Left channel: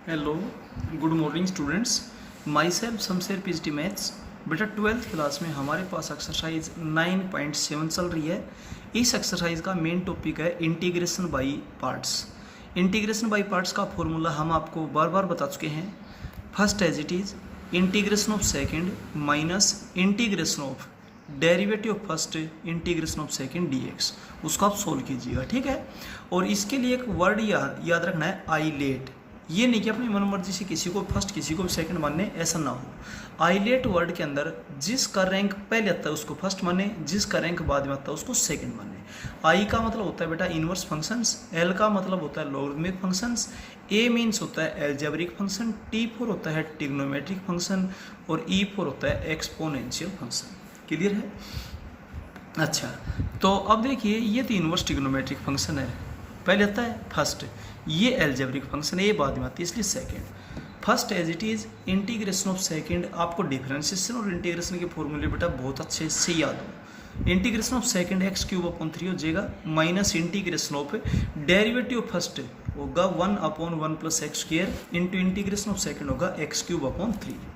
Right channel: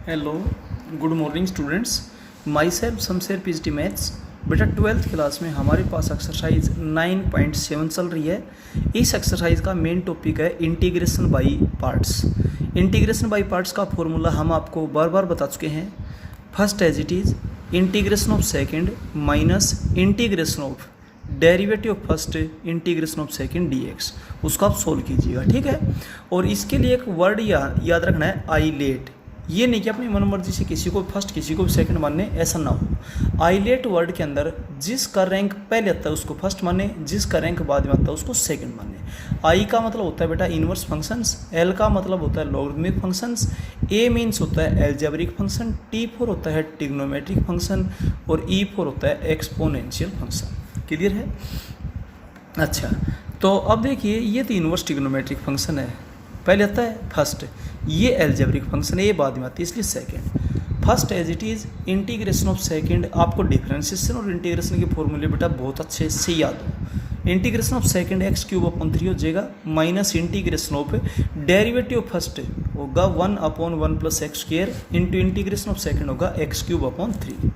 Hello, good morning students. My self Shamsher PhD maths. बेटा 12th class में हमारे पास exercise 9.7 चल रही है। इस एक्सरसाइज का मेन टॉपिक है integration by parts. Integration by parts का फॉर्मूला हम आपको बार बार बता चुके हैं। First as it is integration of second minus integration of derivative of first integration of second dx, उसको आप सोल्व कीजिएगा, ठीक है। और इसके लिए एक वर्ड याद रखना है, आईलेट। ये नहीं कि अपनी मनमर्जी से किसी को फर्स्ट किसी को सेकंड मानने, ऐसा ना हो। आईलेट वर्ड के अंदर जिसका रैंक पहले आता है उसको फर्स्ट माने, जिसका रैंक बाद में आता है उसको सेकंड माने। आई का मतलब होता है बेटा इनवर्स फंक्शंस, एल का मतलब होता है लॉगरिथमिक फंक्शंस, ए मीन्स होता है एल्जेब्रिक फंक्शन, टी फोर होता है ट्रिग्नोमेट्रिक फंक्शन और ई फोर होता है एक्सपोनेंशियल फंक्शन। क्लियर है? अच्छा, तो अब देखिए ये तो इनवर्स ट्रिग्नोमेट्रिक फंक्शन है, पहले आता है फर्स्ट। ये एल्जेब्रिक फंक्शन है, ये बाद में आती है, इसलिए second. First as it is integration of second. आपको डिफरेंशिएशन और इंटीग्रेशन के फॉर्मूले बेटा बहुत अच्छे से याद हो। इंटीग्रेशन ऑफ सेकंड x³ हो जाएगा, minus integration of derivative of first होगा 1/1 + x² into integration of second होगा x³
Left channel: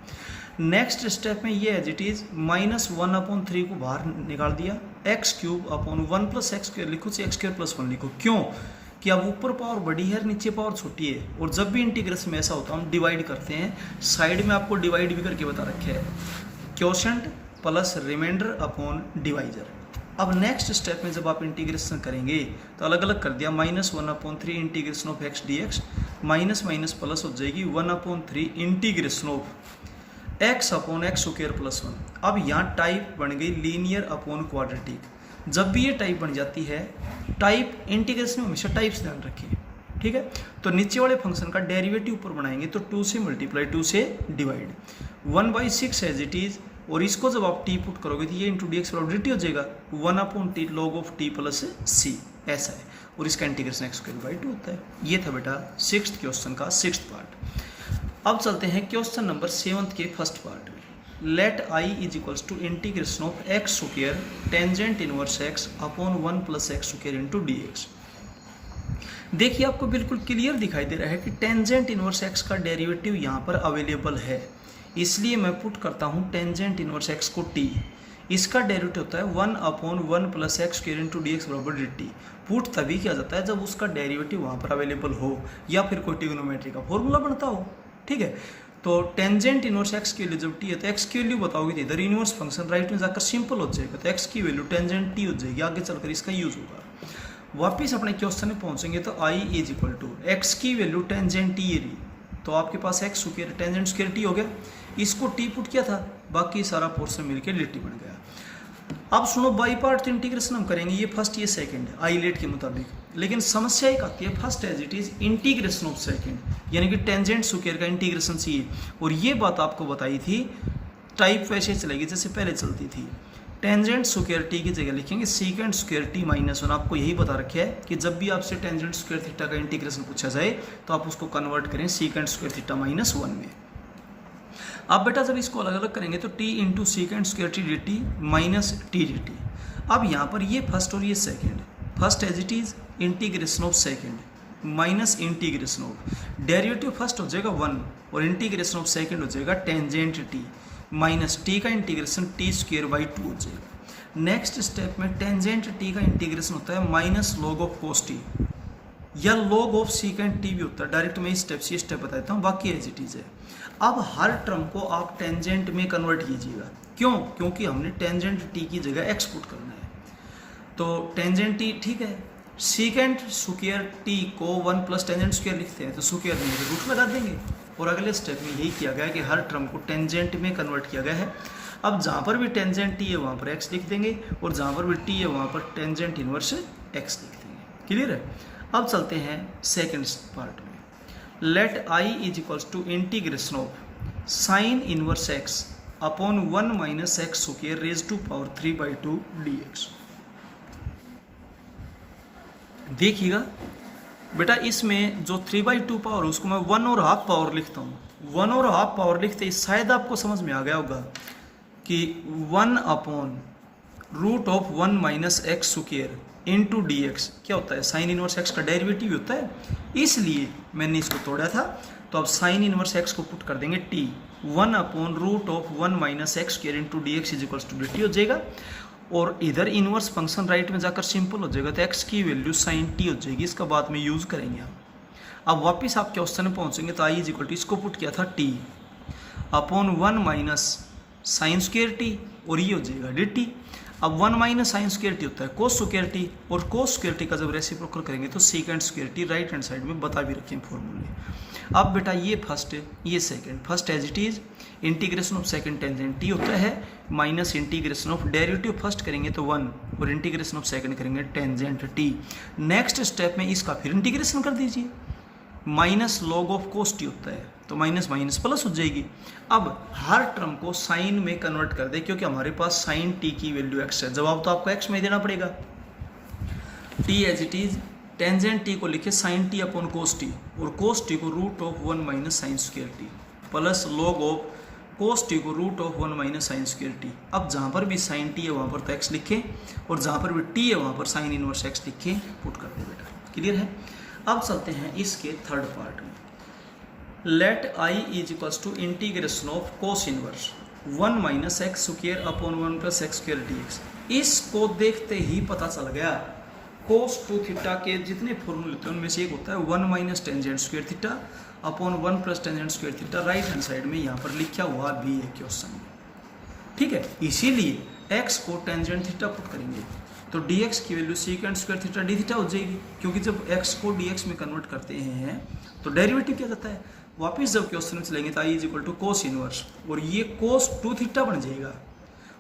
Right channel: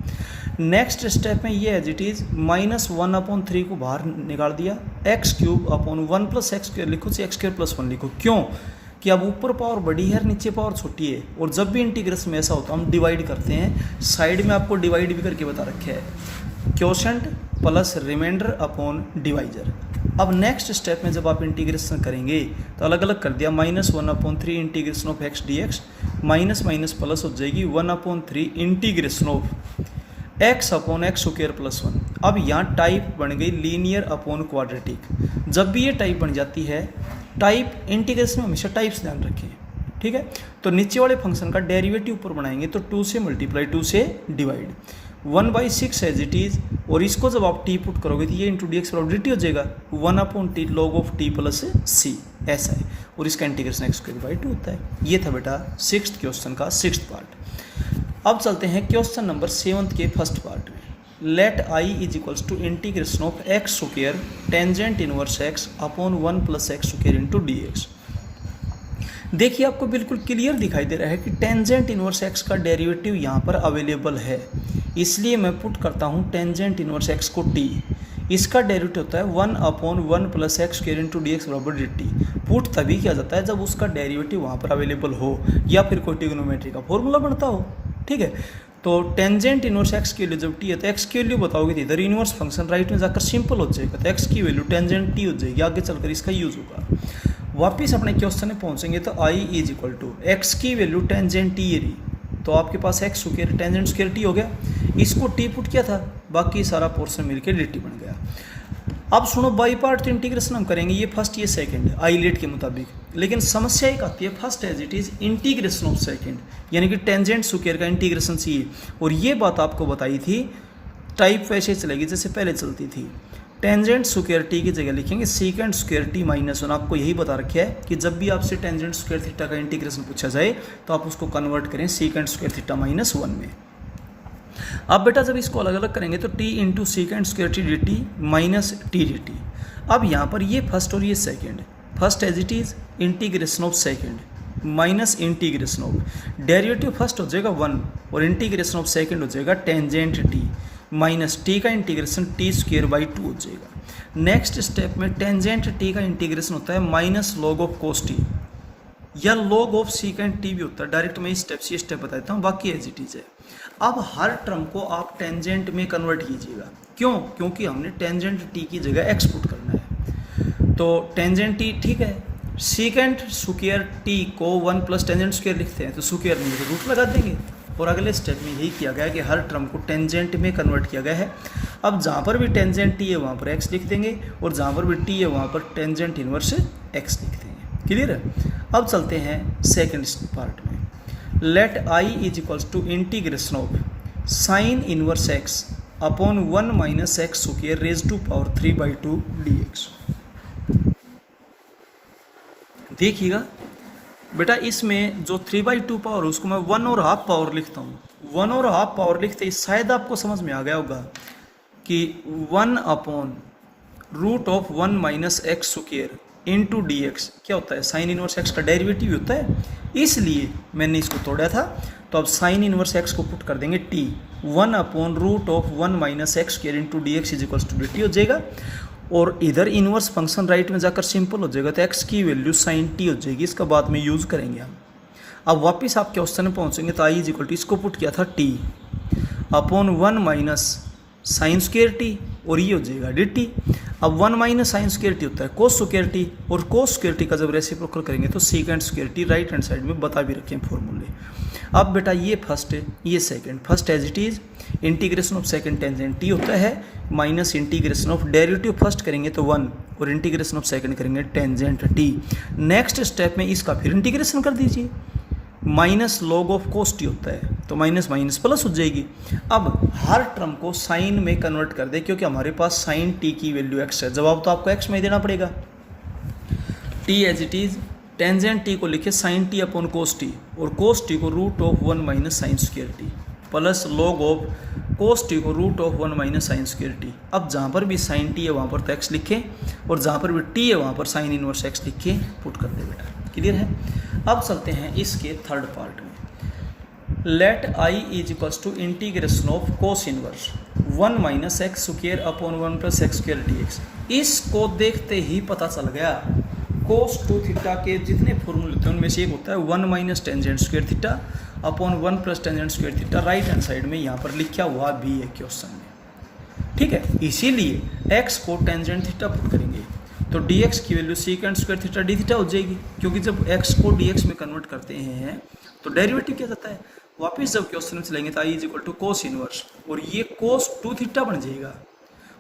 नेक्स्ट स्टेप में ये एज इट इज़ -1/3 को बाहर निकाल दिया, x³ 1 + x² लिखो, x² + 1 लिखो। क्यों? कि अब ऊपर पावर बड़ी है, नीचे पावर छोटी है, और जब भी इंटीग्रेशन में ऐसा होता है हम डिवाइड करते हैं। साइड में आपको डिवाइड भी करके बता रखे है, quotient plus remainder upon divisor. अब नेक्स्ट स्टेप में जब आप इंटीग्रेशन करेंगे तो अलग अलग कर दिया, -1/3 integration of x dx, minus minus plus हो जाएगी 1/3 इंटीग्रेशन ऑफ x/x² + 1। अब यहाँ टाइप बन गई लीनियर अपॉन क्वाड्रेटिक। जब भी ये टाइप बन जाती है, टाइप इंटीग्रेशन में हमेशा टाइप्स ध्यान रखिए, ठीक है। तो नीचे वाले फंक्शन का डेरिवेटिव ऊपर बनाएंगे तो 2 से मल्टीप्लाई 2 से डिवाइड 1/6 एज इट इज़। और इसको जब आप टी पुट करोगे तो ये इंटू डी एक्स dt हो जाएगा 1/t log of t + c, ऐसा है। और इसका इंटीग्रेशन x² होता है। ये था बेटा 6th क्वेश्चन का 6th पार्ट। अब चलते हैं क्वेश्चन नंबर 7th के फर्स्ट पार्ट में। Let I is equals to integration of x² tangent inverse x upon 1 + x² into dx। देखिए आपको बिल्कुल क्लियर दिखाई दे रहा है कि टेंजेंट इनवर्स x का डेरिवेटिव यहाँ पर अवेलेबल है, इसलिए मैं पुट करता हूँ टेंजेंट इनवर्स x को t। इसका डेरिवेटिव होता है 1/1 + x² इंटू dx बराबर dt। पुट तभी किया जाता है जब उसका डेरिवेटिव वहाँ पर अवेलेबल हो या फिर कोई ट्रिग्नोमेट्री का फॉर्मूला बनता हो, ठीक है। तो टेंजेंट इनवर्स x के लिए जब t है तो x की वैल्यू बताओगे तो इधर इनवर्स फंक्शन राइट में जाकर सिंपल हो जाएगा, तो x की वैल्यू टेंजेंट t हो जाएगी, आगे चलकर इसका यूज होगा। वापिस अपने क्वेश्चन में पहुंचेंगे तो i is equal to x की वैल्यू टेंजेंट t रही, तो आपके पास x² टेंजेंट स्क्वायर t हो गया। इसको t पुट किया था, बाकी सारा पोर्शन मिलकर dt बन गया। अब सुनो, बाई पार्ट तो इंटीग्रेशन हम करेंगे, ये फर्स्ट ये सेकंड आईलेट के मुताबिक, लेकिन समस्या एक आती है first as it is integration of second, यानी कि टेंजेंट स्क्वायर का इंटीग्रेशन चाहिए। और ये बात आपको बताई थी, टाइप वैसे चलेगी जैसे पहले चलती थी। टेंजेंट स्क्वायर टी की जगह लिखेंगे सीकेंट स्क्वायर t - 1। आपको यही बता रखा है कि जब भी आपसे टेंजेंट स्क्वायर थीटा का इंटीग्रेशन पूछा जाए तो आप उसको कन्वर्ट करें सीकेंट स्क्वायर थीटा -1 में। अब बेटा जब इसको अलग अलग करेंगे तो t into secant square t dt minus t dt। अब यहाँ पर ये फर्स्ट और ये second, first as it is integration of second minus integration of derivative first हो जाएगा 1 और इंटीग्रेशन ऑफ सेकंड हो जाएगा टेंजेंट t माइनस t का इंटीग्रेशन t² बाई 2 हो जाएगा। नेक्स्ट स्टेप में टेंजेंट t का इंटीग्रेशन होता है minus log of cos t या लॉग ऑफ सीकेंट t भी होता है। डायरेक्ट मैं स्टेप से स्टेप बताता हूँ, बाकी एज इट इज है। अब हर टर्म को आप टेंजेंट में कन्वर्ट कीजिएगा, क्यों? क्योंकि हमने टेंजेंट t की जगह x पुट करना है। तो टेंजेंट t, ठीक है, सीकेंट स्क्वायर t को 1 + टेंजेंट स्क्वायर लिखते हैं तो स्क्वायर में रूट लगा देंगे। और अगले स्टेप में यही किया गया कि हर टर्म को टेंजेंट में कन्वर्ट किया गया है। अब जहाँ पर भी टेंजेंट t है वहाँ पर x लिख देंगे, और जहाँ पर भी t है वहाँ पर टेंजेंट इनवर्स x लिख देंगे। क्लियर है? अब चलते हैं सेकेंड पार्ट में। Let i is equals to integration of sine inverse x upon 1 - x² raise to power 3/2 dx। देखिएगा बेटा, इसमें जो 3/2 पावर उसको मैं 1½ पावर लिखता हूँ। 1½ पावर लिखते ही शायद आपको समझ में आ गया होगा कि 1/√1 - x² इंटू डी एक्स क्या होता है, साइन इनवर्स एक्स का डेरिवेटिव होता है, इसलिए मैंने इसको तोड़ा था। तो अब साइन इनवर्स एक्स को पुट कर देंगे t, 1/√1 minus x square into d x is equals to d t हो जाएगा। और इधर इनवर्स फंक्शन राइट में जाकर सिंपल हो जाएगा, तो एक्स की वैल्यू साइन टी हो जाएगी, इसका बाद में यूज़ करेंगे हम। अब वापस आप क्वेश्चन में पहुँचेंगे तो आई इज इक्वल टू, इसको पुट किया था T upon 1 minus sine square T, और ये हो जाएगा डी टी। अब 1 माइनस साइन स्क्वायर टी होता है कोस स्क्वायर टी, और कोस स्क्वायर टी का जब रेसिप्रोकल करेंगे तो secant square T, right hand side में बता भी रखे हैं फॉर्मूले। अब बेटा ये फर्स्ट है ये second, first as it is integration of second tangent t होता है minus integration of derivative first करेंगे तो 1 और इंटीग्रेशन ऑफ सेकंड करेंगे टेंजेंट टी। नेक्स्ट स्टेप में इसका फिर इंटीग्रेशन कर दीजिए, minus log of cos t होता है तो माइनस माइनस प्लस हो जाएगी। अब हर टर्म को साइन में कन्वर्ट कर दे, क्योंकि हमारे पास साइन टी की वैल्यू एक्स है, जवाब तो आपको एक्स में ही देना पड़ेगा। T as it is tangent t को लिखे sine t upon cos t, और कोस टी को √1 minus sine square t, plus log of cos t को √1 माइनस साइन स्क्वायर टी। अब जहाँ पर भी साइन टी है वहाँ पर तो एक्स लिखे, और जहाँ पर भी टी है वहाँ पर साइन इनवर्स एक्स लिख के पुट कर दे बेटा। क्लियर है। अब चलते हैं इसके थर्ड पार्ट में। Let I is equals to integration of cos inverse 1 minus x square upon 1 plus x square d x. इसको देखते ही पता चल गया कोस 2 थीटा के जितने फॉर्मूले थे उनमें से एक होता है 1 minus tangent square theta upon 1 plus tangent square theta, right hand side में यहाँ पर लिखा हुआ भी है क्वेश्चन में। ठीक है, इसीलिए एक्स को टेंजेंट थीटा पुट करेंगे तो dx की value सीकेंड square theta d theta हो जाएगी, क्योंकि जब x को dx में कन्वर्ट करते हैं तो डेरिवेटिव क्या करता है, वापस जब क्वेश्चन में चलेंगे तो i is equal to cos inverse, और ये कोस 2 थीटा बन जाएगा,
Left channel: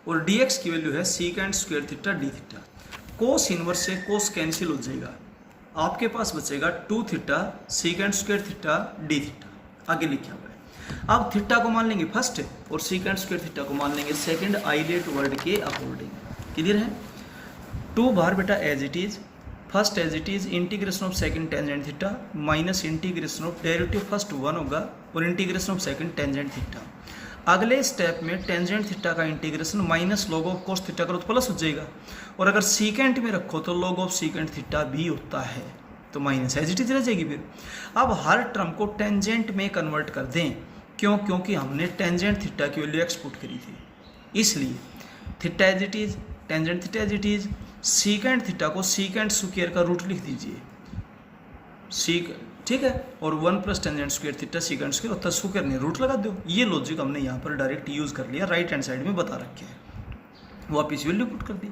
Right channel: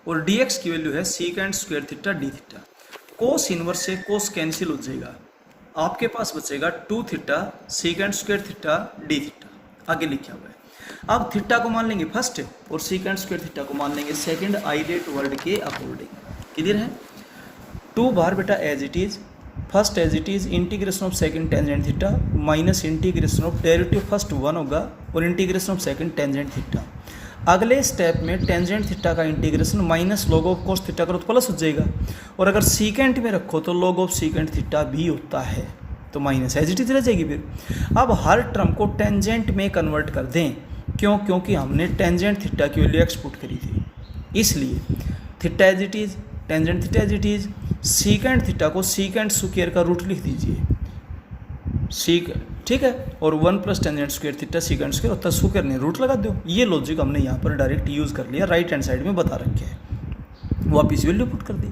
और dx की वैल्यू है सीकेंड square theta d theta. Cos inverse से कोस कैंसिल हो जाएगा, आपके पास बचेगा 2 theta सीकेंड square theta d theta, आगे लिखा हुआ है। अब थीटा को मान लेंगे फर्स्ट और सीकेंड स्क्वायर थीटा को मान लेंगे सेकंड आइडेट वर्ड के अकॉर्डिंग। क्लियर है। 2 बार बेटा as it is, first as it is integration of second tangent theta minus integration of derivative first 1 होगा और integration of second tangent theta. अगले स्टेप में टेंजेंट थीटा का integration minus log of cos theta करो तो plus हो जाएगा, और अगर सीकेंट में रखो तो लॉग ऑफ सीकेंट थीटा भी होता है तो माइनस एज इट इज रह जाएगी। फिर अब हर टर्म को टेंजेंट में कन्वर्ट कर दें, क्यों, क्योंकि हमने टेंजेंट थीटा की वैल्यू एक्स पुट करी थी, इसलिए theta as it is tangent theta as it is, secant theta को सीकेंड स्क्वायर का रूट लिख दीजिए सीक, ठीक है, और 1 plus tangent square theta secant square होता है, स्क्वायर नहीं रूट लगा दो। ये लॉजिक हमने यहाँ पर डायरेक्ट यूज़ कर लिया, राइट हैंड साइड में बता रखे हैं, वापिस वैल्यू पुट कर दी।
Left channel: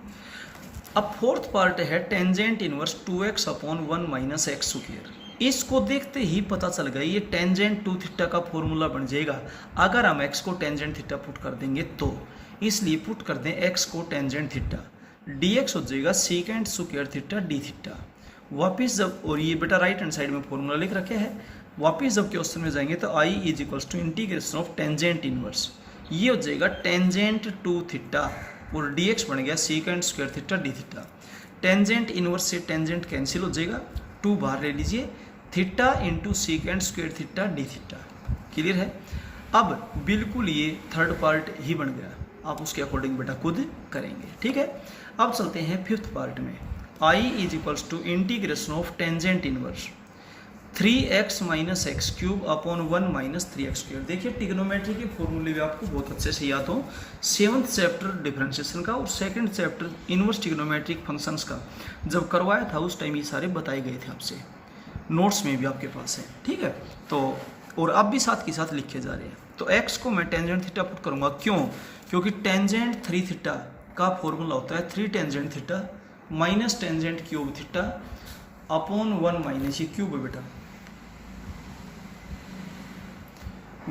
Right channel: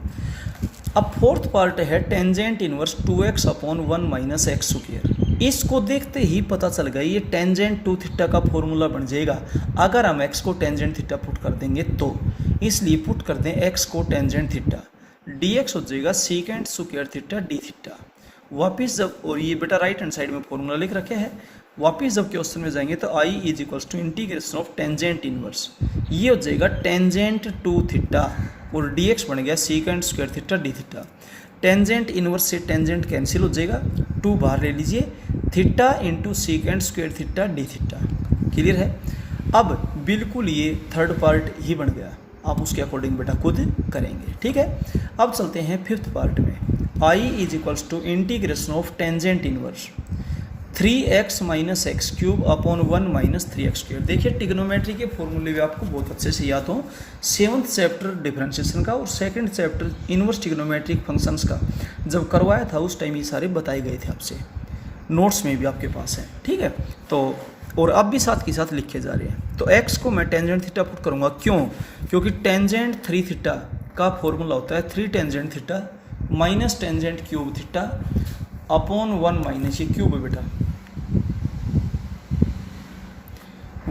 अब फोर्थ पार्ट है tangent inverse 2x upon 1 minus x square. इसको देखते ही पता चल गया ये टेंजेंट 2 थीटा का फॉर्मूला बन जाएगा अगर हम x को टेंजेंट थीटा पुट कर देंगे तो, इसलिए पुट कर दें x को टेंजेंट थीटा, dx हो जाएगा सीकेंड स्क्वायर थीटा डी थीटा। वापिस जब, और ये बेटा राइट हैंड साइड में फॉर्मूला लिख रखे हैं, वापिस जब क्वेश्चन में जाएंगे तो i is equals to integration of tangent inverse, ये हो जाएगा टेंजेंट 2 थीटा और dx बन गया सीकेंड square theta d theta. Tangent inverse से टेंजेंट कैंसिल हो जाएगा, 2 बाहर ले लीजिए, theta into secant square theta d theta. Clear है। अब बिल्कुल ये थर्ड पार्ट ही बन गया, आप उसके अकॉर्डिंग बेटा खुद करेंगे। ठीक है। अब चलते हैं फिफ्थ पार्ट में। i is equals to integration of tangent inverse 3x minus x cube upon 1 minus 3x square. देखिए टिग्नोमेट्री के फॉर्मूले भी आपको बहुत अच्छे से याद हो, 7th चैप्टर डिफरेंशिएशन का और 2nd chapter inverse trigonometric functions का जब करवाया था उस टाइम ये सारे बताए गए थे आपसे, नोट्स में भी आपके पास है। ठीक है, तो और अब भी साथ के साथ लिखे जा रहे हैं। तो x को मैं टेंजेंट थीटा पुट करूँगा, क्यों, क्योंकि टेंजेंट 3 थीटा का फॉर्मूला होता है 3 tangent theta minus tangent cube theta upon 1 minus, ये क्यूब है बेटा,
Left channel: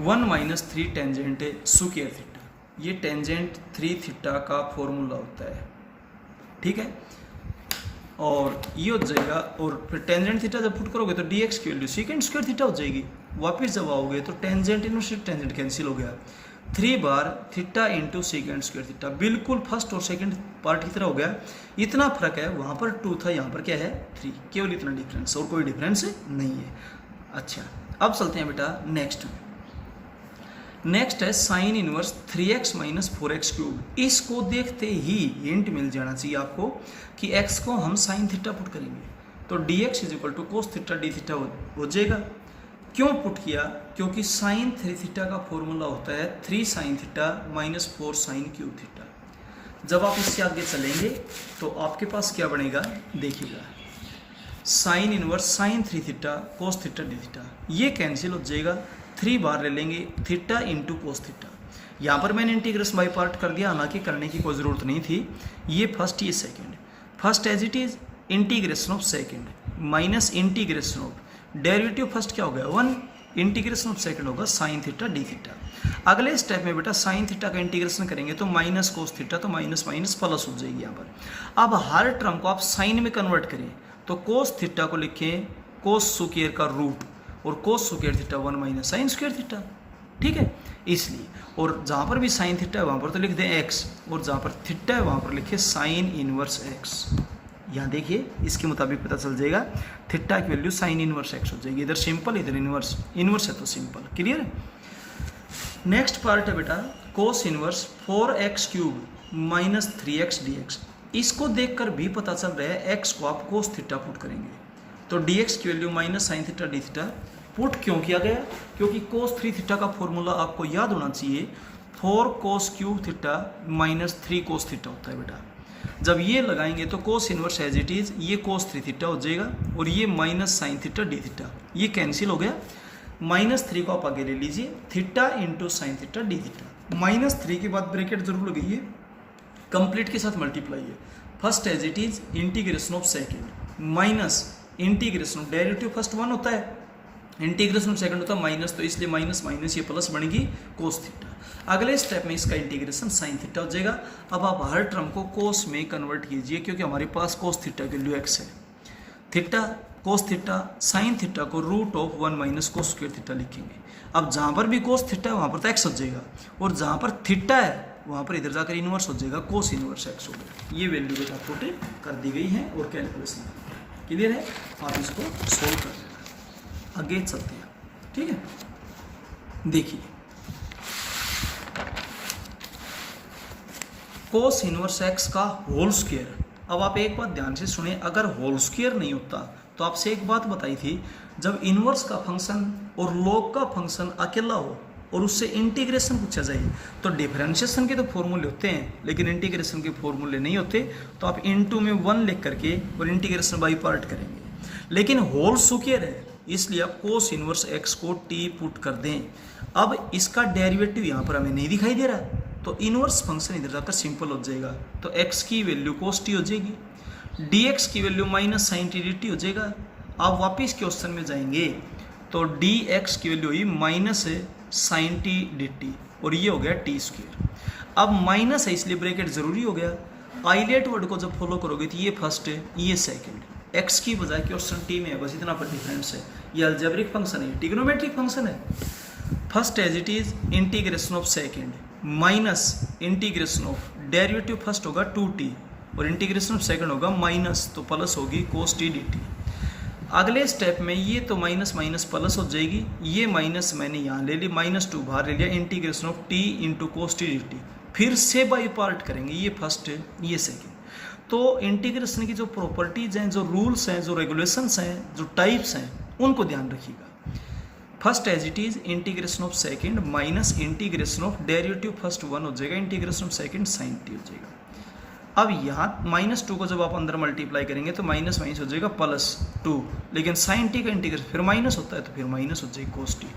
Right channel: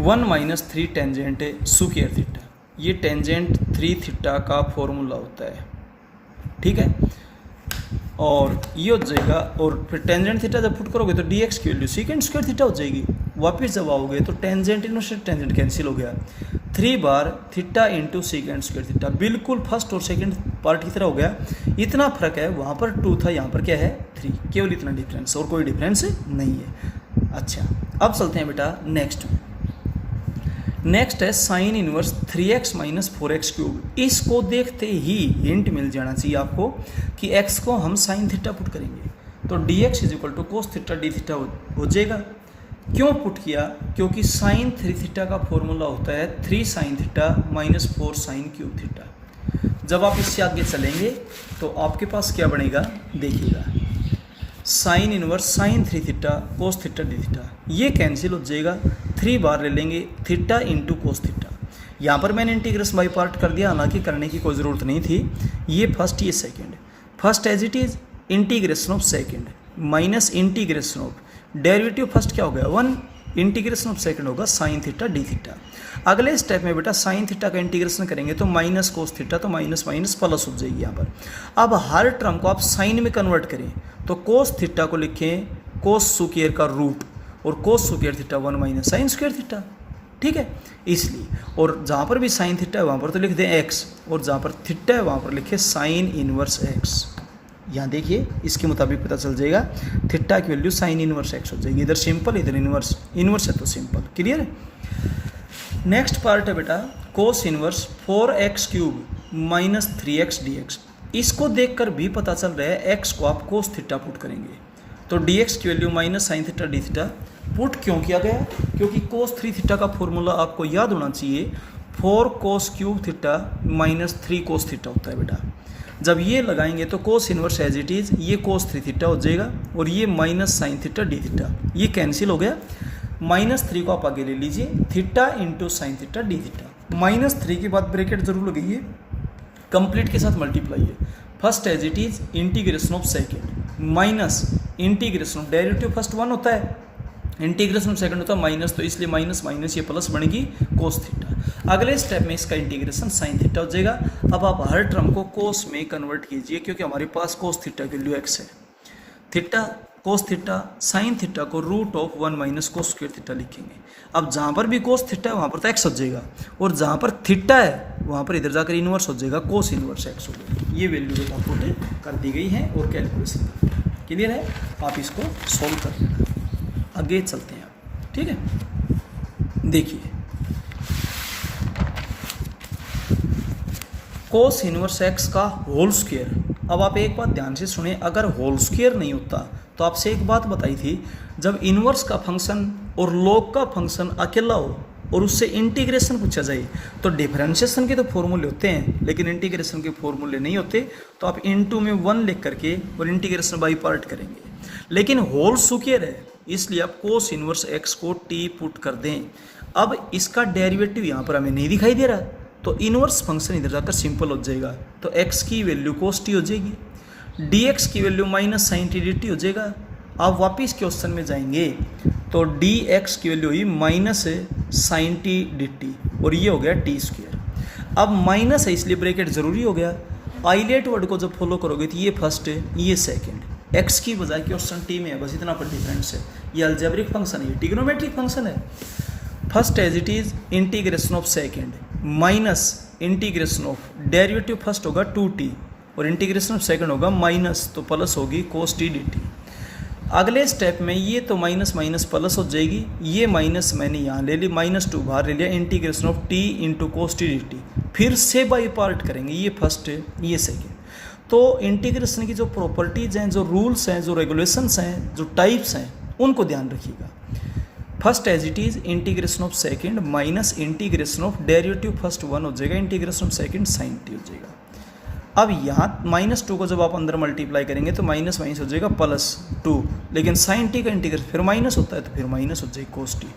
1 माइनस 3 टेंजेंट स्क्वायर थीटा, ये टेंजेंट 3 थीटा का फॉर्मूला होता है। ठीक है, और ये हो जाएगा, और फिर टेंजेंट थीटा जब पुट करोगे तो dx की वैल्यू सीकेंड स्क्वायर थीटा हो जाएगी। वापस जब आओगे तो टेंजेंट इनवर्स टेंजेंट कैंसिल हो गया, 3 बार theta into secant square theta, बिल्कुल फर्स्ट और सेकंड पार्ट की तरह हो गया। इतना फर्क है, वहाँ पर 2 था, यहाँ पर क्या है 3, केवल इतना डिफरेंस, और कोई डिफरेंस नहीं है। अच्छा, अब चलते हैं बेटा नेक्स्ट में। नेक्स्ट है sine inverse 3x minus 4x cube. इसको देखते ही हिंट मिल जाना चाहिए आपको कि x को हम साइन थीटा पुट करेंगे तो dx is equal to cos theta d theta हो जाएगा। क्यों पुट किया? क्योंकि साइन 3 थीटा का फॉर्मूला होता है 3 sine theta minus 4 sine cube theta. जब आप इससे आगे चलेंगे तो आपके पास क्या बनेगा देखिएगा, sine inverse sine 3 theta cos theta d theta, ये कैंसिल हो जाएगा, 3 बार ले लेंगे थीटा इंटू कोस थीटा। यहाँ पर मैंने इंटीग्रेशन बाई पार्ट कर दिया, हालांकि करने की कोई ज़रूरत नहीं थी। ये फर्स्ट ये second, first as it is integration of second minus integration of derivative first क्या हो गया 1, इंटीग्रेशन ऑफ सेकंड होगा साइन थीटा डी थीटा। अगले स्टेप में बेटा साइन थीटा का इंटीग्रेशन करेंगे तो माइनस कोस थीटा, तो माइनस माइनस प्लस हो जाएगी यहाँ पर। अब हर टर्म को आप साइन में कन्वर्ट करें तो कोस थीटा को लिखें कोस स्क्वायर का रूट और कोस square theta 1 minus sine square theta, ठीक है। इसलिए और जहाँ पर भी साइन थीटा है वहाँ पर तो लिख दें एक्स, और जहाँ पर थीटा है वहाँ पर लिखे साइन इनवर्स एक्स। यहाँ देखिए इसके मुताबिक पता चल जाएगा, थीटा की वैल्यू साइन इनवर्स एक्स हो जाएगी। इधर सिंपल इधर इनवर्स, इनवर्स है तो सिंपल, क्लियर है। नेक्स्ट पार्ट है बेटा cos inverse 4x cube minus 3x dx। इसको देखकर भी पता चल रहा है x को आप कोस थीटा पुट करेंगे तो dx की value minus sine theta d theta. Put क्यों किया गया? क्योंकि कोस 3 थीटा का फॉर्मूला आपको याद होना चाहिए, 4 cos cube theta minus 3 cos theta होता है बेटा। जब ये लगाएंगे तो cos inverse as it is ये कोस 3 थीटा हो जाएगा और ये minus sine theta d theta, ये कैंसिल हो गया। माइनस 3 को आप आगे ले लीजिए, theta into sine theta d theta. Minus 3 के बाद ब्रैकेट जरूर लगाइए, कंप्लीट के साथ मल्टीप्लाई है। First as it is integration of second minus integration of derivative first 1 होता है, इंटीग्रेशन ऑफ सेकंड होता है माइनस, तो इसलिए माइनस माइनस ये प्लस बनेगी कोस थीटा। अगले स्टेप में इसका इंटीग्रेशन साइन थीटा हो जाएगा। अब आप हर टर्म को कोस में कन्वर्ट कीजिए क्योंकि हमारे पास कोस थीटा की वैल्यू एक्स है। Theta cos theta sine theta को root of 1 minus cos square theta लिखेंगे। अब जहाँ पर भी कोस थीटा है वहाँ पर तो एक्स हो जाएगा, और जहाँ पर थीटा है वहाँ पर इधर जाकर इनवर्स हो जाएगा, कोस इनवर्स एक्स हो जाएगा। ये वैल्यू बेटा पुट कर दी गई है और कैलकुलेशन क्लियर है। आप इसको सॉल्व कर आगे चलते हैं, ठीक है। देखिए कोस इनवर्स एक्स का होल स्क्वायर। अब आप एक बात ध्यान से सुने, अगर होल स्क्वायर नहीं होता तो आपसे एक बात बताई थी, जब इनवर्स का फंक्शन और लॉग का फंक्शन अकेला हो और उससे इंटीग्रेशन पूछा जाए तो डिफरेंशिएशन के तो फॉर्मूले होते हैं लेकिन इंटीग्रेशन के फॉर्मूले नहीं होते, तो आप इनटू में 1 लिख करके और इंटीग्रेशन बाई पार्ट करेंगे। लेकिन होल स्क्वायर है इसलिए आप कोस इनवर्स एक्स को टी पुट कर दें। अब इसका डेरिवेटिव यहाँ पर हमें नहीं दिखाई दे रहा, तो इनवर्स फंक्शन इधर जाकर सिंपल हो जाएगा, तो एक्स की वैल्यू कोस टी हो जाएगी, dx की value minus sine t d t हो जाएगा। आप वापिस क्वेश्चन में जाएंगे तो dx की वैल्यू हुई minus sine t d t और ये हो गया टी स्क्वायर। अब माइनस है इसलिए ब्रैकेट जरूरी हो गया। आइलेट वर्ड को जब फॉलो करोगे तो ये फर्स्ट है ये सेकंड, x की बजाय क्वेश्चन टी में है, बस इतना पर डिफरेंस है। ये अलजेब्रिक फंक्शन है, ट्रिग्नोमेट्रिक फंक्शन है। First as it is integration of second minus integration of derivative first होगा 2t और इंटीग्रेशन ऑफ सेकंड होगा माइनस, तो प्लस होगी कोस टी डी टी। अगले स्टेप में ये तो माइनस माइनस प्लस हो जाएगी, ये माइनस मैंने यहाँ ले ली, -2 बाहर ले लिया, integration of t into cos t d T. फिर से बाई पार्ट करेंगे, ये फर्स्ट है ये सेकंड। तो इंटीग्रेशन की जो प्रॉपर्टीज हैं, जो रूल्स हैं, जो रेगुलेशंस हैं, जो टाइप्स हैं, उनको ध्यान रखिएगा। First as it is integration of second minus integration of derivative first 1 हो जाएगा, integration of second sine t हो जाएगा। अब यहाँ -2 को जब आप अंदर मल्टीप्लाई करेंगे तो माइनस माइनस हो जाएगा +2, लेकिन साइन टी का इंटीग्रेशन फिर माइनस होता है तो फिर माइनस हो जाएगी कोस टी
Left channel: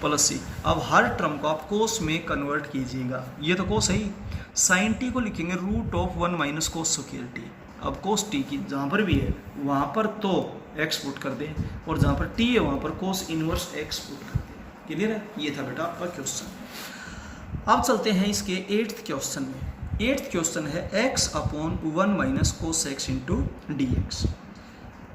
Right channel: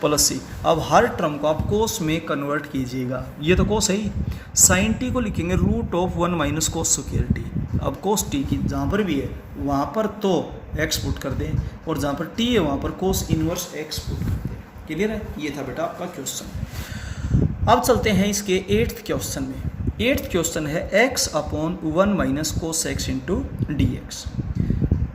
प्लस सी। अब हर टर्म को आप कोस में कन्वर्ट कीजिएगा, ये तो कोस है ही, साइन टी को लिखेंगे root of 1 minus cos square t. अब कोस टी की जहाँ पर भी है वहाँ पर तो एक्स पुट कर दें और जहाँ पर टी है वहाँ पर कोस इनवर्स एक्स पुट कर दें। क्लियर है, ये था बेटा आपका क्वेश्चन। अब चलते हैं इसके 8th क्वेश्चन में। 8th क्वेश्चन है x upon 1 minus cos x into d x.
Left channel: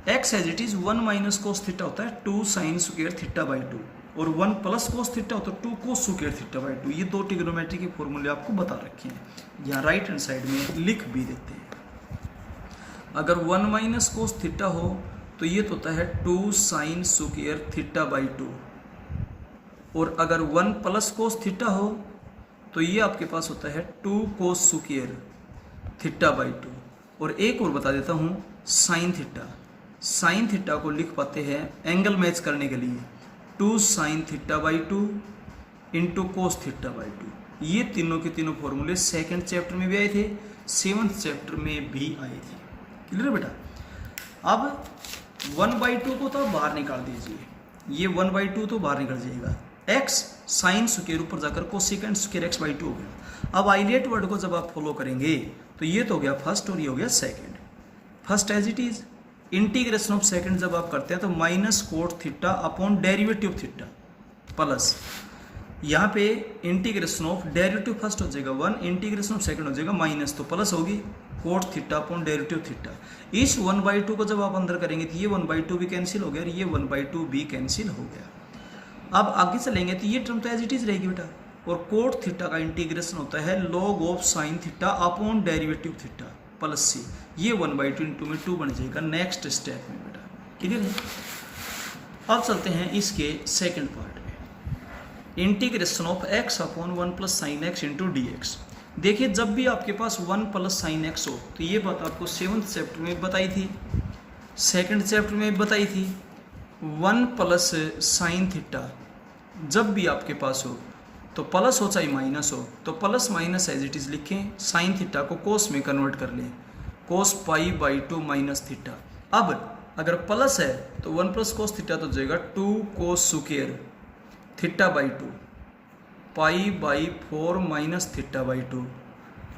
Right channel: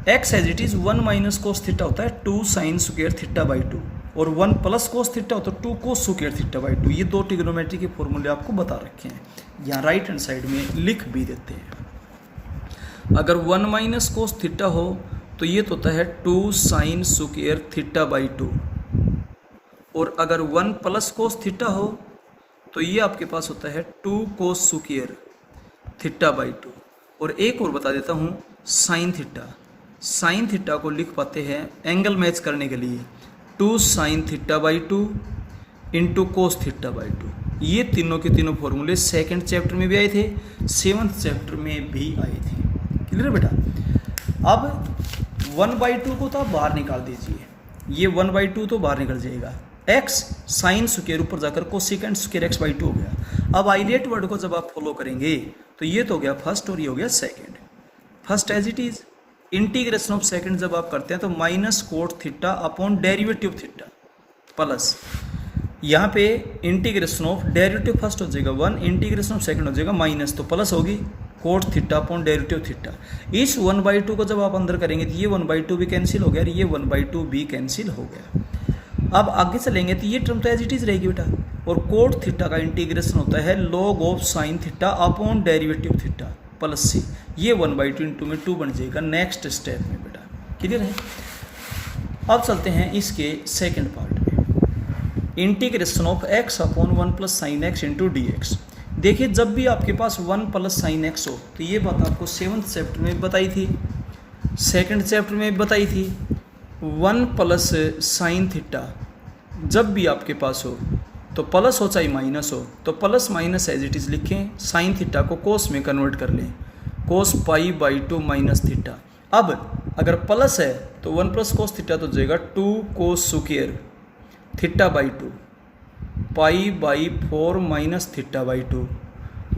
X as it is 1 minus cos theta होता है 2 साइन स्क्वायर थीटा बाई 2 और 1 प्लस कोस थीटा होता है 2 कोस स्क्वायर थीटा बाई 2। ये दो ट्रिग्नोमेट्री के फॉर्मूले आपको बता रखे हैं, यहाँ राइट हैंड साइड में लिख भी देते हैं। अगर 1 माइनस कोस थीटा हो तो ये तो होता है 2 साइन स्क्वायर थीटा बाई 2, और अगर 1 प्लस कोस थीटा हो तो ये आपके पास होता है 2 कोस स्क्वायर थीटा बाई 2। और एक और बता देता हूँ, साइन थीटा। साइन थीटा को लिख पाते हैं एंगल मैच करने के लिए 2 sine theta by 2 into cos theta by 2। ये तीनों के तीनों फॉर्मूले सेकंड चैप्टर में भी आए थे, 7th चैप्टर में भी आए थे। क्लियर है बेटा। अब 1/2 को तो आप बाहर निकाल दीजिए, ये 1/2 तो बाहर निकल जाएगा। एक्स साइन स्क्वायर ऊपर जाकर कोसिकेंट स्क्वायर एक्स बाई 2 हो गया। अब आइलेट वर्ड को जब आप फॉलो करेंगे तो ये तो हो गया फर्स्ट और ये हो गया second. First as it is, integration of second जब आप करते हैं तो minus cot theta upon derivative theta plus, यहाँ पे इंटीग्रेशन ऑफ डेरिवेटिव फर्स्ट हो जाएगा 1, इंटीग्रेशन ऑफ सेकंड हो जाएगा माइनस, तो प्लस होगी coat theta upon derivative theta. इस 1/2 को जब आप अंदर करेंगे तो ये 1/2 भी कैंसिल हो गया और ये 1/2 भी कैंसिल हो गया। अब आगे चलेंगे तो ये टर्म तो एज इट इज रहेगी बेटा। और कोट थीटा का इंटीग्रेशन होता है log of sine theta upon derivative theta plus C, ये 1/2 इंटू में 2 बन जाएगा नेक्स्ट स्टेप में बेटा। क्लियर है। अब चलते हैं इसके सेकंड पार्ट में, integration of x upon 1 plus sine x into d x. देखिए जब भी आपके पास 1 प्लस साइन एक्स हो तो ये बात आपको 7th चैप्टर में बताई थी, सेकंड चैप्टर में बताई थी। 1 प्लस साइन थीटा जब भी आपके पास हो तो प्लस हो चाहे माइनस हो तो plus minus as it is लिखें, साइन थीटा को कोस में कन्वर्ट कर लें, cos pi by 2 minus theta. अब अगर प्लस है तो 1 प्लस कोस थीटा तो हो जाएगा 2 कोस square theta by 2 pi by 4 minus theta by 2।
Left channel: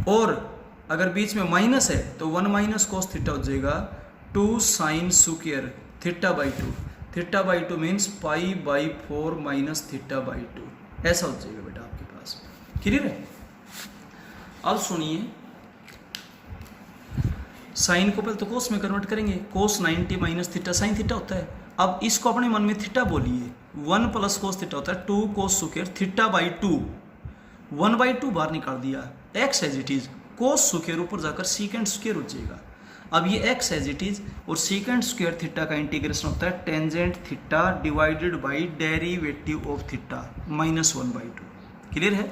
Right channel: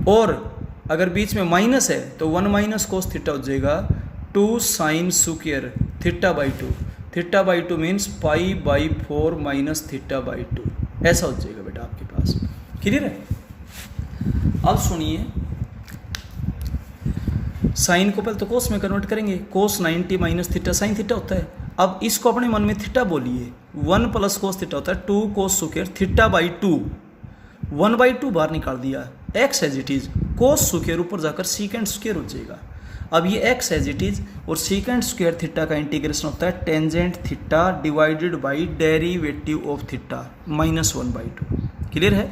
और अगर बीच में माइनस है तो 1 माइनस कोस थीटा हो जाएगा 2 sine square theta by 2। Theta by 2 means pi by 4 minus theta by 2, ऐसा हो जाएगा बेटा आपके पास। क्लियर है। अब सुनिए, साइन को पहले तो कोस में कन्वर्ट करेंगे, कोस 90 माइनस थीटा साइन थीटा होता है। अब इसको अपने मन में थीटा बोलिए, 1 प्लस कोस थीटा होता है 2 कोस स्क्वायर थीटा बाई 2, 1/2 बाहर निकाल दिया, x as it is, cos square ऊपर जाकर सीकेंट स्क्वायर हो जाएगा। अब ये एक्स एज इट इज और सीकेंट स्क्वायर थीटा का इंटीग्रेशन होता है tangent theta divided by derivative of theta minus 1/2। Clear है।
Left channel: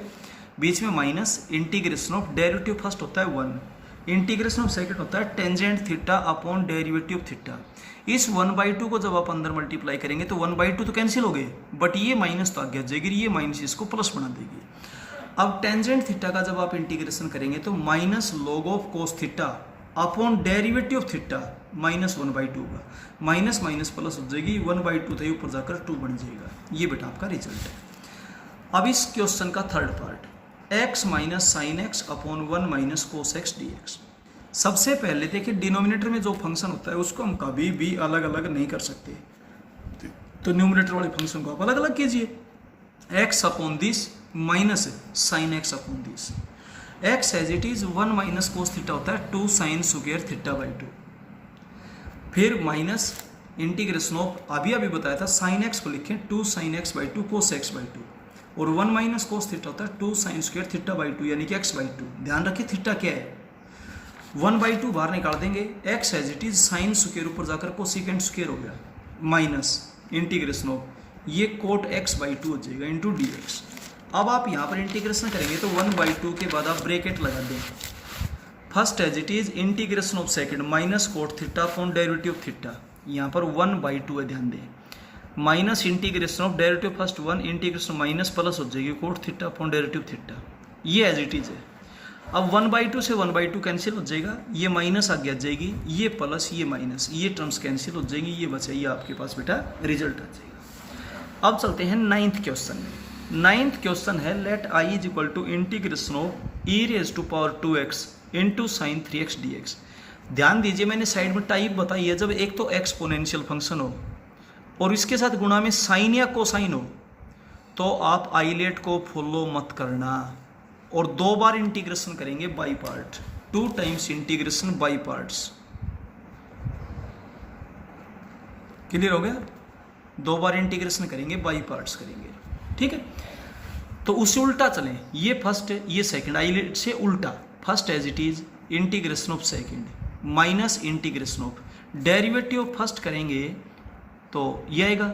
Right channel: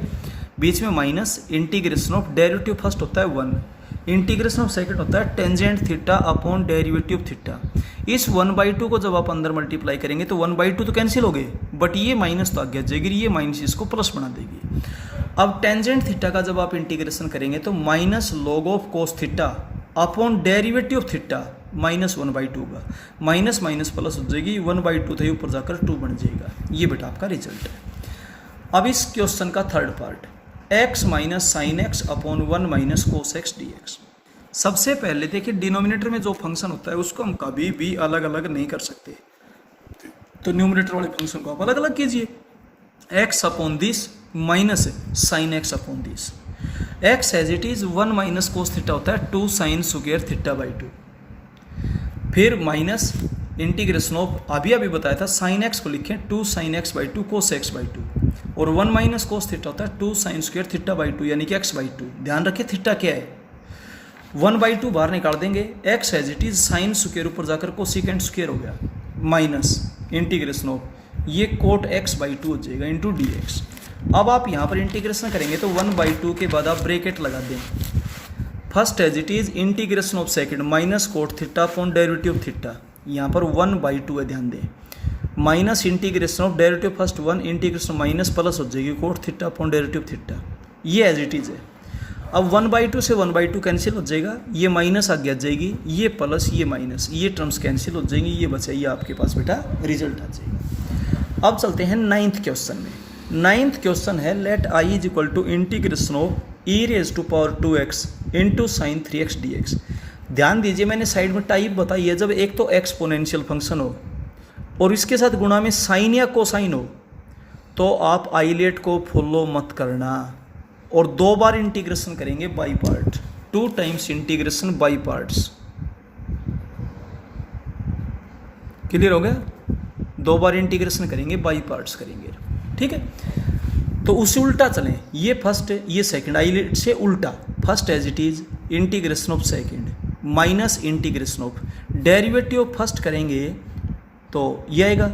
बीच में minus, integration of derivative first होता है 1, इंटीग्रेशन ऑफ सेकंड होता है tangent theta upon derivative theta. इस 1/2 को जब आप अंदर मल्टीप्लाई करेंगे तो 1/2 तो कैंसिल हो गए, बट ये माइनस तो आगे आ जाएगी, ये माइनस इसको प्लस बना देगी। अब टेंजेंट थीटा का जब आप इंटीग्रेशन करेंगे तो minus log of cos theta upon derivative of theta minus 1/2 का, माइनस माइनस प्लस हो जाएगी, 1/2 था ऊपर जाकर 2 बन जाएगा। ये बेटा आपका रिजल्ट है। अब इस क्वेश्चन का third part, x minus sine x upon 1 minus cos x D x. सबसे पहले देखिए डिनोमिनेटर में जो फंक्शन होता है उसको हम कभी भी अलग अलग नहीं कर सकते, तो न्यूमिनेटर वाले फंक्शन को आप अलग अलग कीजिए, x upon this minus sine x upon this. X as it is 1 minus cos theta होता है 2 साइन स्क्वायर थीटा बाई 2, फिर माइनस इंटीग्रेशन ऑफ अभी बताया था साइन एक्स को लिखें 2 sine x by 2 cos x by 2, और 1 माइनस कोस थीटा होता है 2 साइन स्क्वायर थीटा बाई 2 यानी कि एक्स बाई 2। ध्यान रखिए थीटा क्या है, 1/2 बाहर निकाल देंगे, x as it is sine square ऊपर जाकर कोसिकेंट स्क्वायर हो गया माइनस इंटीग्रेशन ऑफ ये कोट एक्स बाई 2 हो जाएगा इंटू डी एक्स। अब आप यहाँ पर इंटीग्रेशन करेंगे तो 1/2 के बाद आप ब्रैकेट लगा दें, first as it is integration of second minus cot theta upon derivative theta, यहाँ पर 1/2 है, ध्यान दें, minus integration of derivative first 1 integration minus plus हो जाएगी cot theta upon derivative theta, ये एज इट इज है। अब 1/2 से 1/2 कैंसिल हो जाएगा, ये माइनस आगे आ जाएगी, ये प्लस ये माइनस, ये टर्म्स कैंसिल हो जाएंगी, ये बचाइए आपके पास बेटा रिजल्ट आ जाएगा। अब चलते हैं 9th क्वेश्चन में। 9th क्वेश्चन है let i is equal to integration of e raise to power 2x into sine 3x dx। ध्यान दीजिए मैंने साइड में टाइप बताई है, जब एक तो एक्सपोनेंशियल फंक्शन हो और इसके साथ गुणा में साइन या कोसाइन हो तो आप आइलेट को फॉलो मत करना, और 2 बार इंटीग्रेशन करेंगे by part, 2 times integration by parts. Clear हो गया, 2 बार इंटीग्रेशन करेंगे बाई पार्ट्स करेंगे, ठीक है। तो उससे उल्टा चलें, ये फर्स्ट ये सेकंड, आइलेट से उल्टा, first as it is integration of second minus integration of derivative of first करेंगे तो ये आएगा,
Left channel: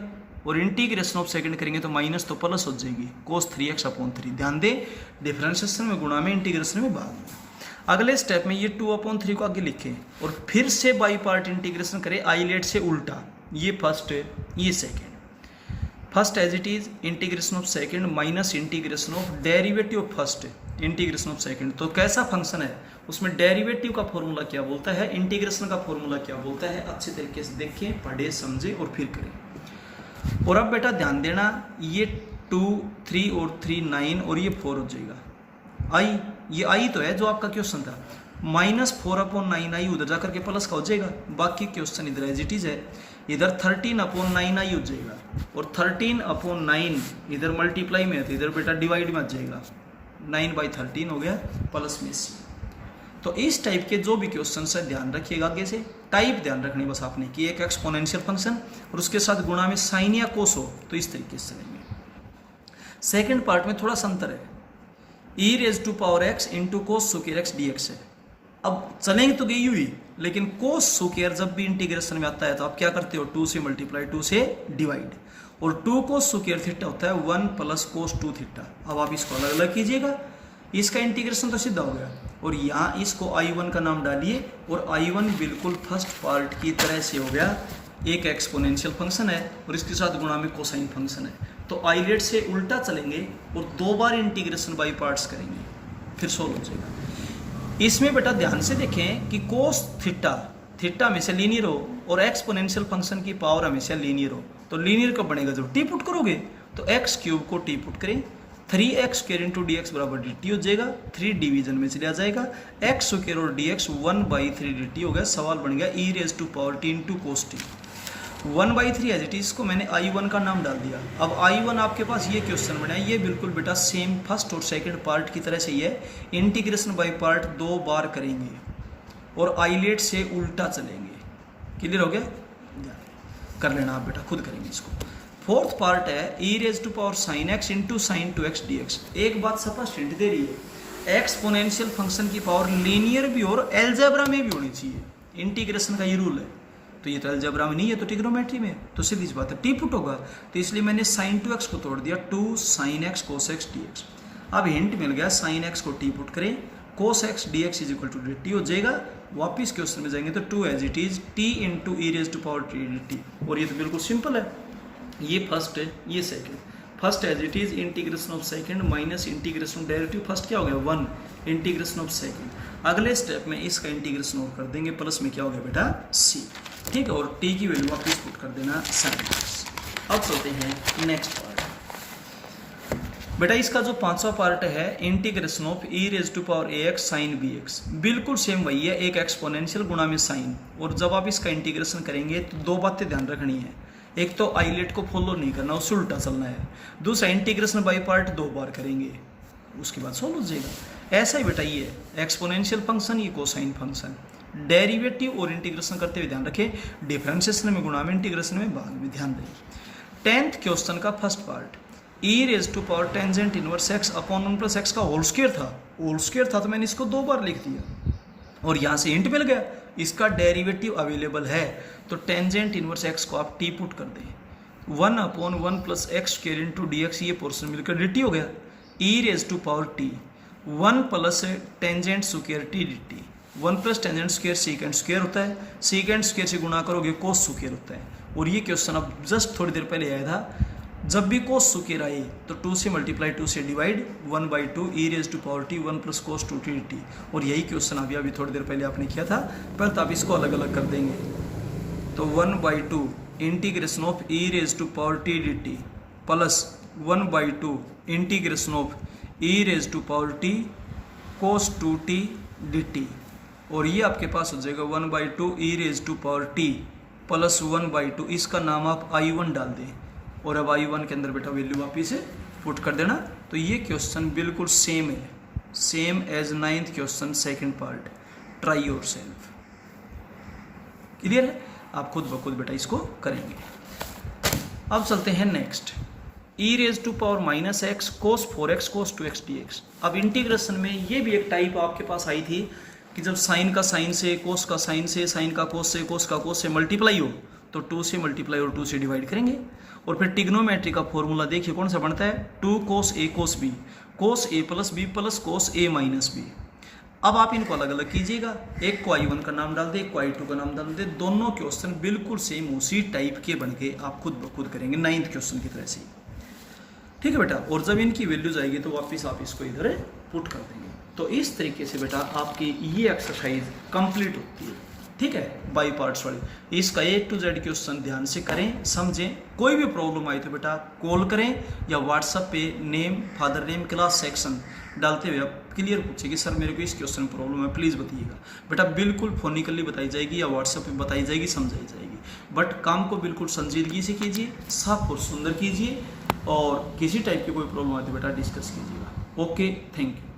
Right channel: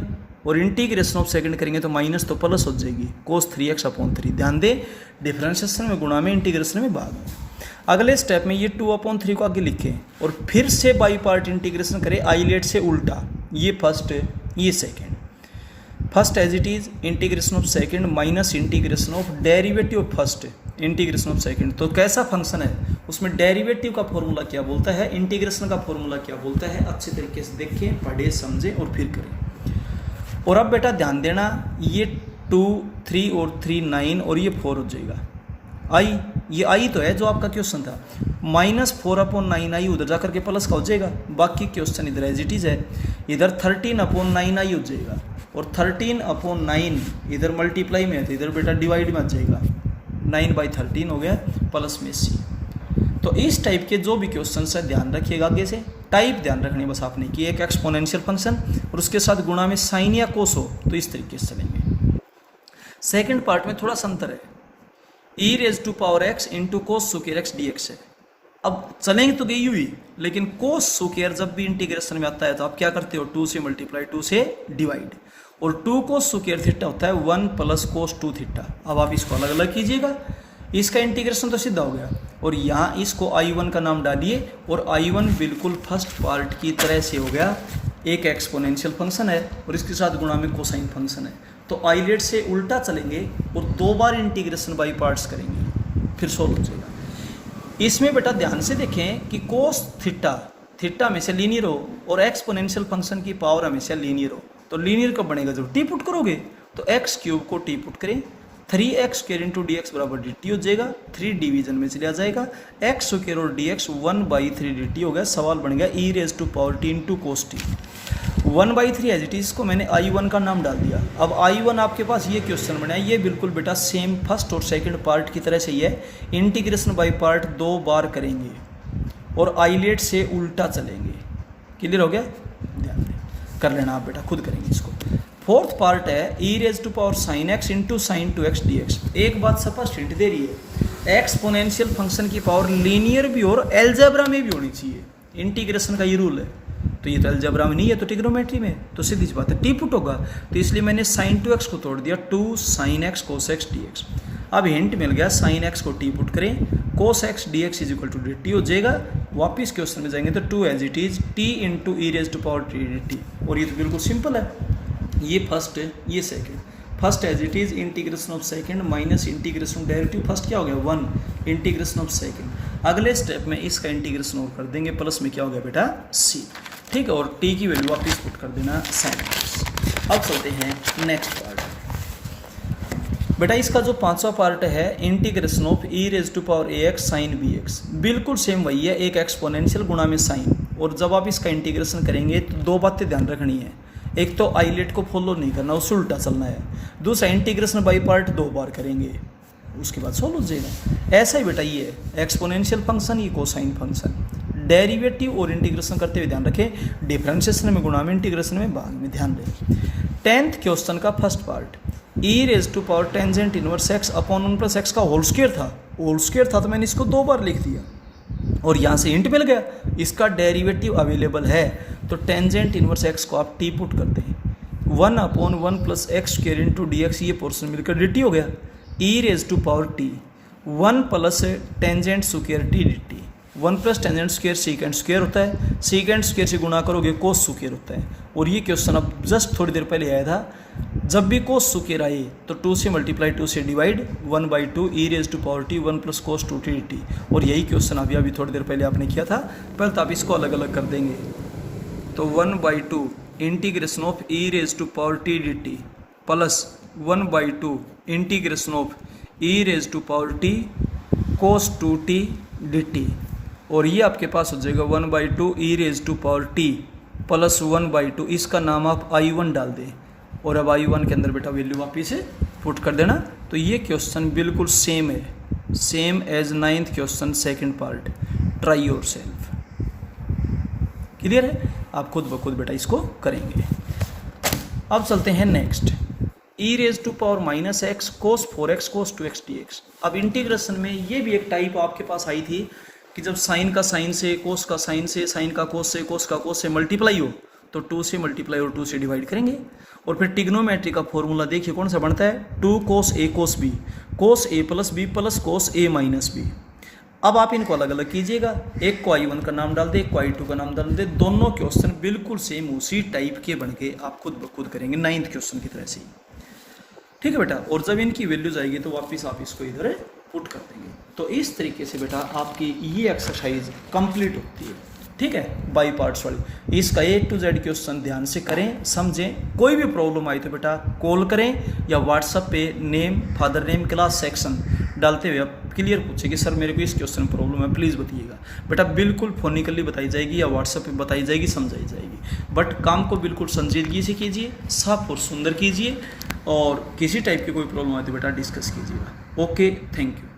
और इंटीग्रेशन ऑफ सेकंड करेंगे तो माइनस तो प्लस हो जाएगी cos 3x/3। ध्यान दे, डिफरेंशिएशन में गुणा में, इंटीग्रेशन में भाग में। अगले स्टेप में ये 2/3 को आगे लिखें और फिर से बाई पार्ट इंटीग्रेशन करें आइलेट से उल्टा। ये फर्स्ट, ये second. First as it is integration of second minus integration of derivative of first integration of second. तो कैसा फंक्शन है, उसमें डेरिवेटिव का फॉर्मूला क्या बोलता है, इंटीग्रेशन का फॉर्मूला क्या बोलता है, अच्छे तरीके से देखें, पढ़े, समझे और फिर करें। और अब बेटा ध्यान देना, ये 2, 3 और 3 9 और ये 4 हो जाएगा। आई, ये आई तो है जो आपका क्वेश्चन था, -4/9 आई उधर जाकर के प्लस का हो जाएगा। बाकी क्वेश्चन इधर एज इट इज है, इधर 13/9 आई हो जाएगा और 13/9 इधर मल्टीप्लाई में है तो इधर बेटा डिवाइड में आ जाएगा। 9/13 हो गया प्लस में सी। तो इस टाइप के जो भी क्वेश्चन है ध्यान रखिएगा, आगे से टाइप ध्यान रखने बस आपने कि एक एक्सपोनेंशियल फंक्शन और उसके साथ गुणा में साइन या कोस हो तो इस तरीके से चलेंगे। सेकंड पार्ट में थोड़ा सा अंतर है, e⁻x into cos square x dx है। अब चलेंगे तो गई हुई, लेकिन कोस स्क्वायर जब भी इंटीग्रेशन में आता है तो आप क्या करते हो, 2 से मल्टीप्लाई, 2 से डिवाइड, और 2 कोस स्क्वायर थीटा होता है 1 प्लस कोस 2 थीटा। अब आप इसको अलग अलग कीजिएगा, इसका इंटीग्रेशन तो सीधा हो गया और यहाँ इसको I1 का नाम डालिए और I1 बिल्कुल फर्स्ट पार्ट की तरह से हो गया, एक एक्सपोनेंशियल फंक्शन है और इसके साथ गुणा में कोसाइन फंक्शन है। तो आइलेट से उल्टा चलेंगे और 2 बार इंटीग्रेशन बाई पार्ट्स करेंगे, फिर सोल्व हो जाएगा। इसमें बेटा ध्यान से देखें कि कोस थीटा हमेशा लीनियर हो और एक्सपोनेंशियल फंक्शन की पावर हमेशा लीनियर हो। तो लीनियर कब बनेगा, जब टी पुट करोगे तो x³ को टी पुट करें, 3x² इंटू dx बराबर dt हो जाएगा, 3 डिवीजन में चला जाएगा, x² और dx 1/3 dt हो गया। सवाल बन गया e⁻t into cos t 1/3 as it is, इसको मैंने I1 का नाम डाल दिया। अब I1 आपके पास ये क्वेश्चन बना है, ये बिल्कुल बेटा सेम फर्स्ट और सेकंड पार्ट की तरह से ही है। इंटीग्रेशन बाई पार्ट 2 बार करेंगे और आइलेट से उल्टा चलेंगे। क्लियर हो गया, ध्यान दें, कर लेना आप बेटा, खुद करेंगे इसको। फोर्थ पार्ट है e⁻sin x into sin 2x dx। एक बात स्पष्ट हिंट दे रही है, एक्सपोनेंशियल फंक्शन की पावर लीनियर भी और एलजेब्रा में भी होनी चाहिए। इंटीग्रेशन का ये रूल है, तो ये तो एलजेब्रा में नहीं है तो ट्रिग्नोमेट्री में, तो सीधी सी बात है टी पुट होगा। तो इसलिए मैंने sin 2x को तोड़ दिया, 2 sin x cos x dx। अब हिंट मिल गया, sin x को टी पुट करें, cos x dx is equal to dt हो जाएगा। वापिस क्वेश्चन में जाएंगे तो 2 as it is t into e⁻t dt, और ये तो बिल्कुल सिंपल है। ये फर्स्ट है, ये second. First as it is integration of second minus integration derivative first क्या हो गया 1 इंटीग्रेशन ऑफ सेकंड। अगले स्टेप में इसका इंटीग्रेशन और कर देंगे, प्लस में क्या हो गया बेटा c, ठीक है, और t की वैल्यू वापिस पुट कर देना sin x। अब चलते हैं नेक्स्ट पार्ट। बेटा इसका जो 5वां पार्ट है integration of e⁻ax sin bx, बिल्कुल सेम वही है, एक एक्सपोनेंशियल गुणा में साइन। और जब आप इसका इंटीग्रेशन करेंगे तो 2 बातें ध्यान रखनी है, एक तो आइलेट को फॉलो नहीं करना, उससे उल्टा चलना है। दूसरा इंटीग्रेशन बाई पार्ट 2 बार करेंगे, उसके बाद सॉल्व हो जाएगा। ऐसा ही बेटा ये एक्सपोनेंशियल फंक्शन, ये कोसाइन फंक्शन, डेरिवेटिव और इंटीग्रेशन करते हुए ध्यान रखें, डिफरेंशिएशन में गुणा में, इंटीग्रेशन में भाग में, ध्यान दें। 10th क्वेश्चन का first part e⁻ inverse x upon 1 plus x का होल स्क्वायर था तो मैंने इसको 2 बार लिख दिया और यहाँ से हिंट मिल गया इसका डेरिवेटिव अवेलेबल है। तो टेंजेंट इनवर्स x को आप टी पुट कर दें, 1/1 plus x square into dx, ये पोर्शन मिलकर dt हो गया, e⁻t 1 plus tangent square t dt, 1 plus tangent square secant square होता है, सीकेंड स्क्वायर से गुणा करोगे कोस स्क्वायर होता है। और ये क्वेश्चन अब जस्ट थोड़ी देर पहले आया था, जब भी कोस स्क्वायर आए तो 2 से मल्टीप्लाई, 2 से divide, 1/2 e⁻t 1 plus cos 2t dt। और यही क्वेश्चन अभी थोड़ी देर पहले आपने किया था, पहले तो आप इसको अलग अलग कर देंगे। तो 1/2 integration of e⁻t dt plus 1/2 integration of e⁻t cos 2t dt, और ये आपके पास हो जाएगा 1/2 e⁻t प्लस 1/2, इसका नाम आप I1 डाल दें और अब I1 के अंदर बेटा वैल्यू वापिस से पुट कर देना। तो ये क्वेश्चन बिल्कुल सेम है, same as 9th question second part, try yourself. Clear है, आप खुद ब खुद बेटा इसको करेंगे। अब चलते हैं next, e⁻x cos 4x cos 2x dx। अब इंटीग्रेशन में ये भी एक टाइप आपके पास आई थी कि जब साइन का साइन से, कोस का साइन से, साइन का कोस से, कोस का कोस से मल्टीप्लाई हो तो 2 से मल्टीप्लाई और 2 से डिवाइड करेंगे। और फिर टिग्नोमेट्री का फॉर्मूला देखिए कौन सा बनता है, 2 cos A cos B, cos A plus B plus cos A minus B. अब आप इनको अलग अलग कीजिएगा, एक को I1 का नाम डाल दे, एक को I2 का नाम डाल दे, दोनों क्वेश्चन बिल्कुल सेम उसी टाइप के बन के आप खुद ब खुद करेंगे 9th क्वेश्चन की तरह से। ठीक है बेटा, और जब इनकी वैल्यूज आएगी तो वापस आप इसको इधर पुट कर देंगे। तो इस तरीके से बेटा आपकी ये एक्सरसाइज कंप्लीट होती है। ठीक है, बाई पार्ट्स वाली। इसका A to Z क्वेश्चन ध्यान से करें, समझें। कोई भी प्रॉब्लम आई तो बेटा कॉल करें या व्हाट्सएप पे name, father name, class, section डालते हुए आप क्लियर पूछे कि सर मेरे को इस क्वेश्चन प्रॉब्लम है, प्लीज़ बताइएगा। बेटा बिल्कुल फोनिकली बताई जाएगी या व्हाट्सएप पे बताई जाएगी, समझाई जाएगी। बट काम को बिल्कुल संजीदगी से कीजिए, साफ और सुंदर कीजिए, और किसी टाइप की कोई प्रॉब्लम आए तो बेटा डिस्कस कीजिएगा। Okay, thank you.